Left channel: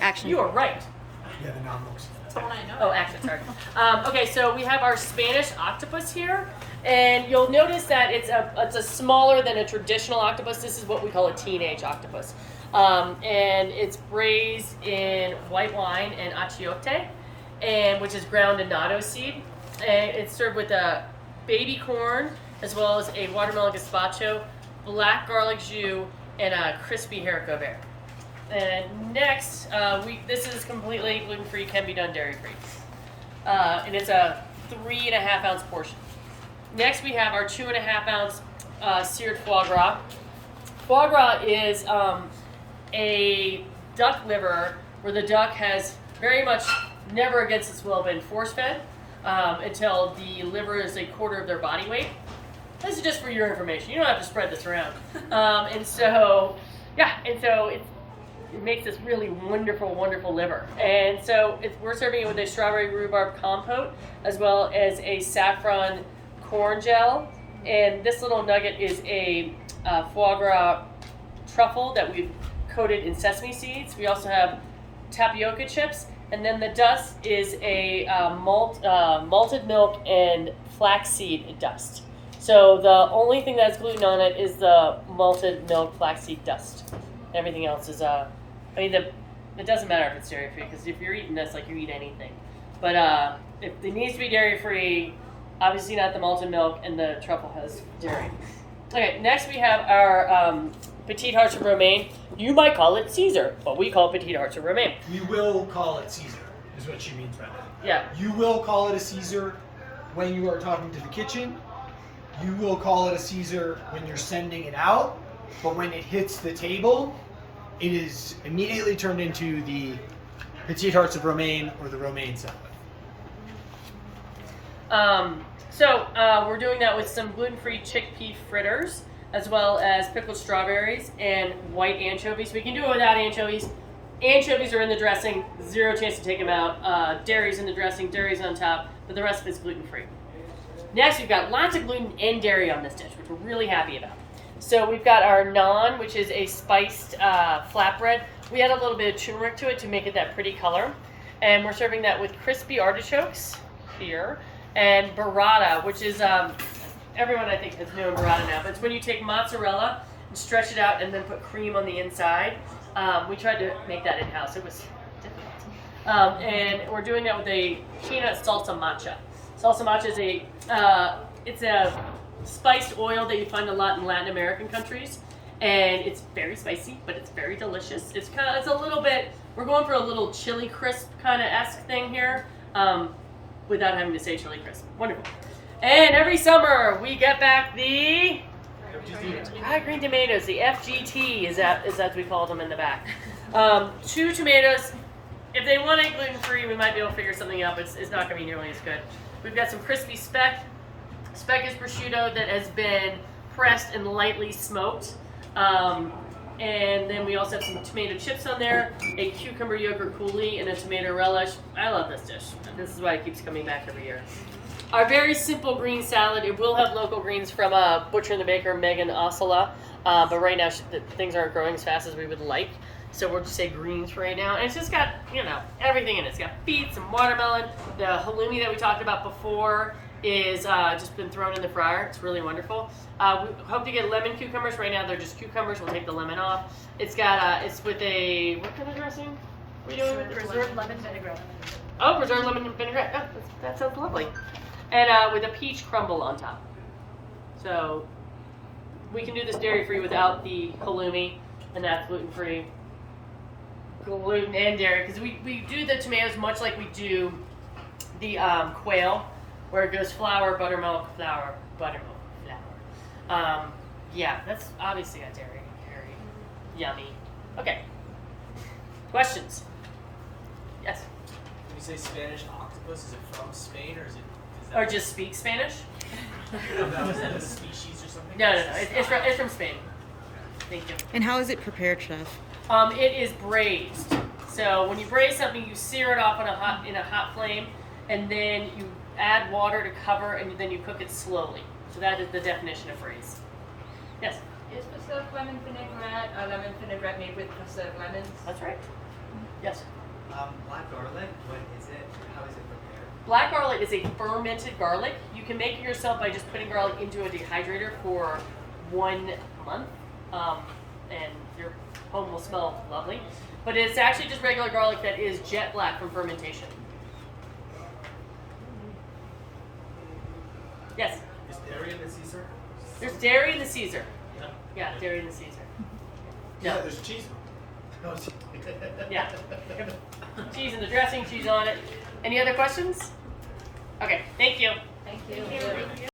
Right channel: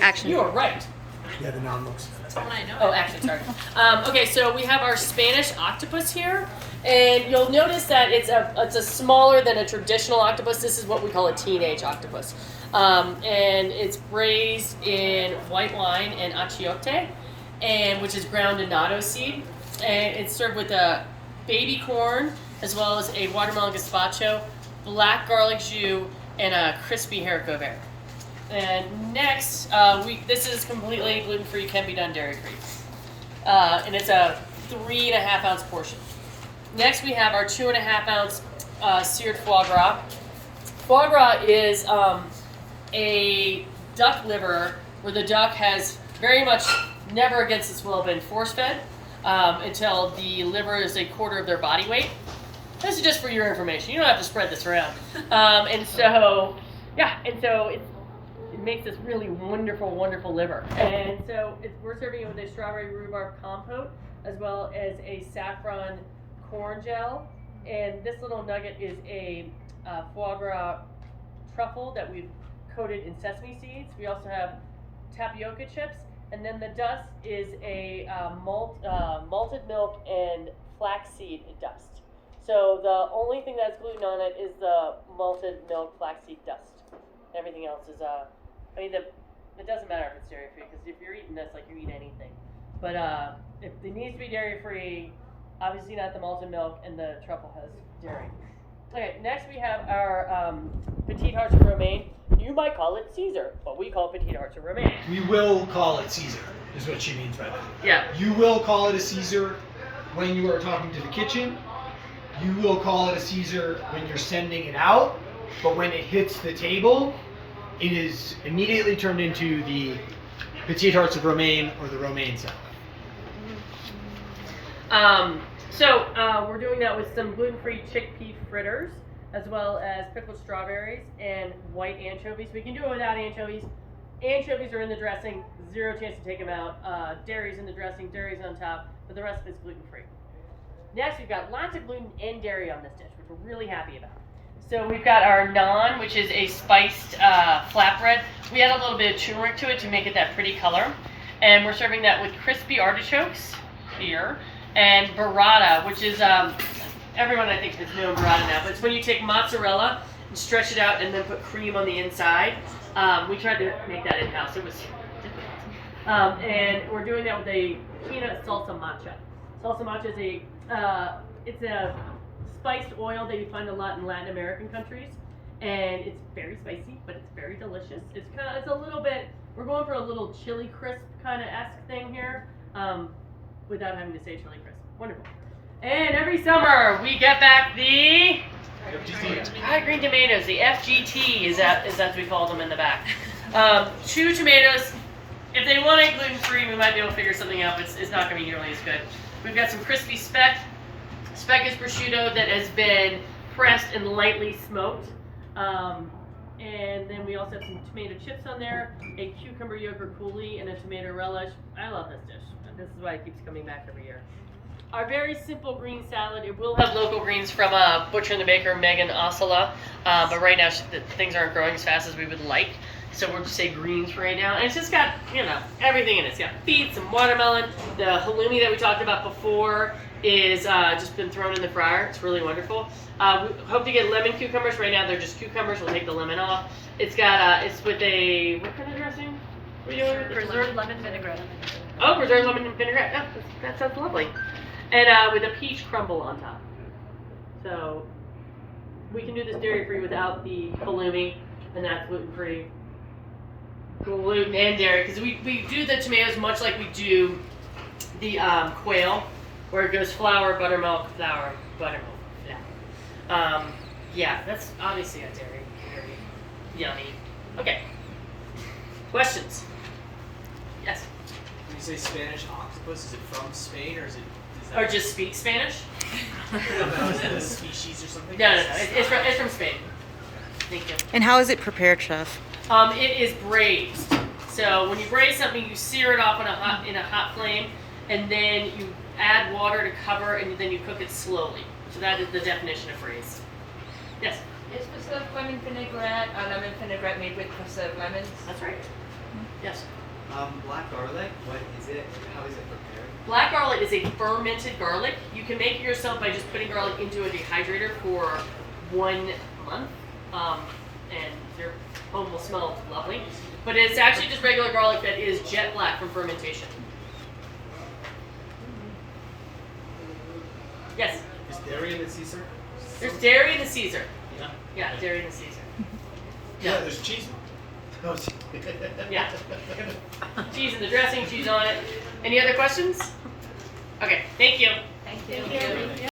Action. You are right. Yeah, the nom looks. That's all I know. Oh, action, sorry. Okay, so we have our Spanish octopus here, and you'll notice that it's a smaller than a traditional octopus. This is what we call a teenage octopus. And it's braised in white wine and achiote, which is ground annatto seed. And it's served with a baby corn, as well as a watermelon gazpacho, black garlic jus, and a crispy haricot vert. And next, this is completely gluten-free, can be done dairy-free. And it's a 3.5 ounce portion. Next, we have our 2.5 ounce seared foie gras. Foie gras is a duck liver where the duck has very much never against its will been force-fed until the liver is 1/4 of their body weight. This is just for your information. You don't have to spread this around. And so it makes this really wonderful, wonderful liver. And so we're serving it with a strawberry rhubarb compote, as well as a saffron corn gel. And this little nugget is a foie gras truffle that we've coated in sesame seeds. We also have tapioca chips. And then the dust is a malted milk and flaxseed dust. So the only thing that's gluten on it is the malted milk flaxseed dust. Everything else is it doesn't matter if it's dairy free, because if you're eating this, like, you eat anything. But if it needs to be dairy free, obviously not the malted milk, and the truffle has dairy. Okay, next we have our petite hearts of romaine. You might call it Caesar, but we call it petite hearts of romaine. We will call it Caesar, is what she means by that. Yeah. You will call it a Caesar when you are talking to the kitchen. You will call it a Caesar when you're sending it out, but when it hits the table, it is immediately turned into the petite hearts of romaine or the romaine salad. We're doing that with some gluten-free chickpea fritters, as well as pickled strawberries and white anchovies. We can do it without anchovies. Anchovies are in the dressing, 0 chance to take them out. Dairy's in the dressing, dairy's on top, but the rest of it's gluten-free. Next, we've got lots of gluten and dairy on this dish, which we're really happy about. So we've got our naan, which is a spiced flatbread. We add a little bit of turmeric to it to make it that pretty color. And we're serving that with crispy artichokes here. And burrata, which is, everyone I think has known burrata now, but it's when you take mozzarella and stretch it out and then put cream on the inside. We tried to make that in-house. It was difficult. And we're doing that with a peanut salsa matcha. Salsa matcha is it's a spiced oil that you find a lot in Latin American countries, and it's very spicy, but it's very delicious. It's a little bit, we're going for a little chili crisp kind of esque thing here, without having to say chili crisp. Wonderful. And every summer we get back the high green tomatoes, the FGT is as we call them in the back. 2 tomatoes. If they want it gluten free, we might be able to figure something out, but it's not going to be nearly as good. We've got some crispy speck. Speck is prosciutto that has been pressed and lightly smoked. And then we also have some tomato chips on there, a cucumber yogurt coulis, and a tomato relish. I love this dish. This is why it keeps coming back every year. Our very simple green salad, it will have local greens from Butcher and the Baker, Megan Ossola, but right now things aren't growing as fast as we would like. So we'll just say greens for right now. And it's just got, everything in it. It's got beets and watermelon. The halloumi that we talked about before is just been thrown in the fryer. It's really wonderful. We hope to get lemon cucumbers. Right now they're just cucumbers. We'll take the lemon off. It's got, it's with a, what kind of dressing? Preserved lemon vinaigrette. Oh, preserved lemon vinaigrette. Yeah, that sounds lovely. And with a peach crumble on top. So we can do this dairy-free without the halloumi, and that's gluten-free. Gluten and dairy, because we do the tomatoes much like we do the quail, where it goes flour, buttermilk, flour, buttermilk. Yeah, that's obviously a dairy. Yummy. Okay. Questions? Yes. When you say Spanish octopus, is it from Spain or is Or just speak Spanish? is it a species or something? No. It's from Spain. Thank you. And how is it prepared, Chef? It is braised. So when you braise something, you sear it off in a hot flame, and then you add water to cover, and then you cook it slowly. So that is the definition of braise. Yes. Is preserved lemon vinaigrette a lemon vinaigrette made with preserved lemons? That's right. Yes. Black garlic, what is it? How is it prepared? Black garlic is a fermented garlic. You can make it yourself by just putting garlic into a dehydrator for 1 month, and your home will smell lovely. But it's actually just regular garlic that is jet black from fermentation. Yes. Is dairy in the Caesar? There's dairy in the Caesar. Yeah. Yeah, dairy in the Caesar. Yeah, there's cheese. No, Yeah. Cheese in the dressing, cheese on it. Any other questions? Okay, thank you. Thank you.